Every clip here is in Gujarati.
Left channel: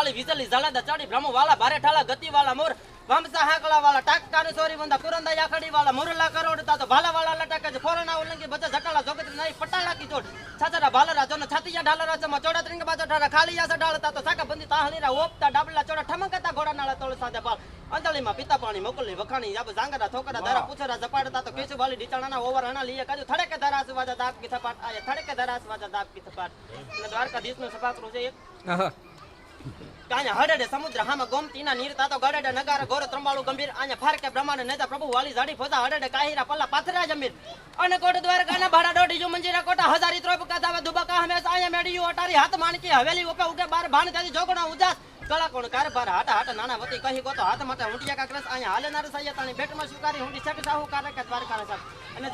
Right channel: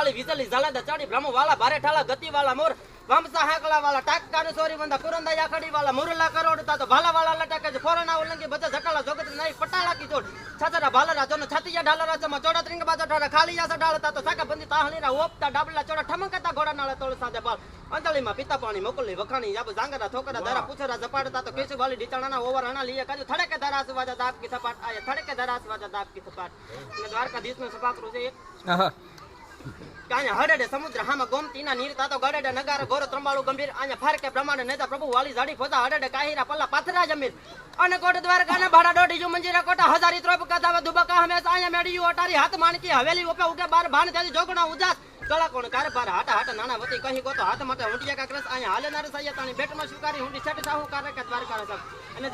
જાળી વિજળી જળદ ચડી બ્રહ્મ વાલા ભારે ઠાલા ગતિ વાલા મોર વંશા હાકલા વાલા ટાકા સોરી વંદા કુરંદા યાખડી વાલા મુરલા કરોડતા તો ભાલા વાલા લટકે ફોરણા ઉલંગી બધા જટાલા જોગત નહીં પટાલા કી જોડ છાતરા ભાલરા જોન છાતિયા ઢાલરા ચમાં ચોડા ત્રિંગ બાજો ઠારા ખાલીયા સડાળતા તો સાકા બંદી તાહણીરા ઓપતા ડાબલા ચોડા ઠમકતા ઘોડા નાળા તોળ સાદે પાલ અંજળીમાં પિતા પાણી મોકલી વખાણી યાબ જાંગરા ઠોકરા ધારા પૂછરા ઝપાડતા તો કેસુ વાલી ઢીચાણાના ઓવર હણા લીએ કાજુ થડકે ધારા સુવાજા દાપ કી થપાટ આયા થડકે ધારા સુવાજા દાપ કી થપાટ અને દ્વારકાધીશનું સભાકરું છે એક આયા હડડે સમુદ્ર હામાં ગોમતીના નીર તાતો ગડડે નગાર ઘોર ત્રંબાળુ ગંભીર આયા ફારકે બ્રહ્માંડ નેતા પ્રભુ વાલી ઝાડી ફોતા હડડે કાહીરા પલ્લા પાથરા જમીર અને કોટ દ્વારકાના ભાડા દોઢી જો મંજીરા કોટા હજારી ત્રોપ કાધાવા દુબકા હમેશા આયા મેડીયું અટારી હાથ માણકી હવેલી ઉપર ઉગે બાર ભાણ ત્યાંથી જોગણો ઉજાસ કળા કોણ કારભાર હાટા હાટા નાના વતી કહી ગોતો હાથ માટે હુંડિયા કાકરસ આયા હાલેનાર સાયા તાણી બેટમાં સ્વીકારી હુંડી છટ સાહુ કારે કે દ્વારકા સાહેબ અને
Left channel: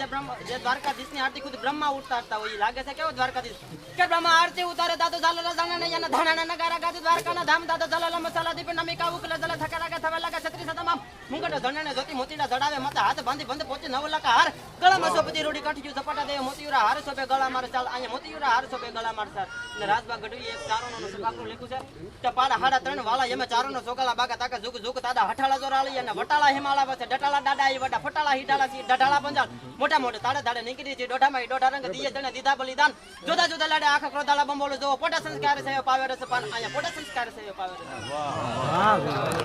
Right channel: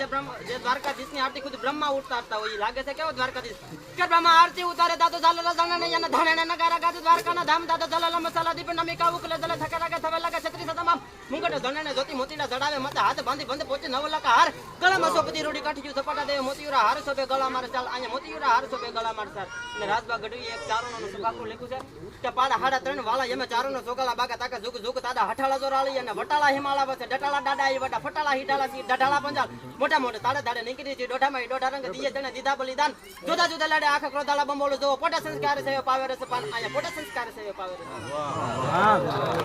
જે દ્વારકાધીશની આરતી ખુદ બ્રહ્મા ઉતારતા હોય લાગે છે કેવો દ્વારકાધીશ કે બ્રહ્મા આરતી ઉતારે દાદુ ઝાલલા જાણે ને યના ધાણા નગારા ગાજુ દ્વારકાના ધામ દાદુ ઝાલલા મસાલા દીપ નમિકા ઉકલે જલે થકરા કે થવે લાગે છત્રી તમામ મુંગટો ધણને જોતી મોતીડા જડાવે મત હાથ બાંધી બંધ પહોંચે 9 લાખ હાર ગળામાં સોપતી રોડી કાઠી ઝપાટા દે મોતીયુરા હાર સોપે ગળા માર ચાલ આયા મોતીયુરા હાર સોપે ગળા માર ચાલ અને રાજબા ગઢવી એક ચારોનો સભાકરું લખ્યું છે કે પાડા હાડા 3 વાલા એમે ચારોનો સોગલા બાગા તાકા ઝુક ઝુક દાદા હઠાળા જોરાળી અને વટાળા હિમાળા વસે ડટાળા દાડા ઈ વટા ફટાળા હીડાળા સી ડઢાળા પંજાલ મોટા મોટા તાડે તાડે નીકળી છે દોઢામાં દોઢા રંગ દીએ જણે દીધા બલિદાન જુદા જુદા લાડે આખા ક્રોધાળા બંબોળો જો પોટા સંસ્કાર છે પાવે રસ પાન આયા પોટા સંસ્કાર છે પાવે રસ વાહ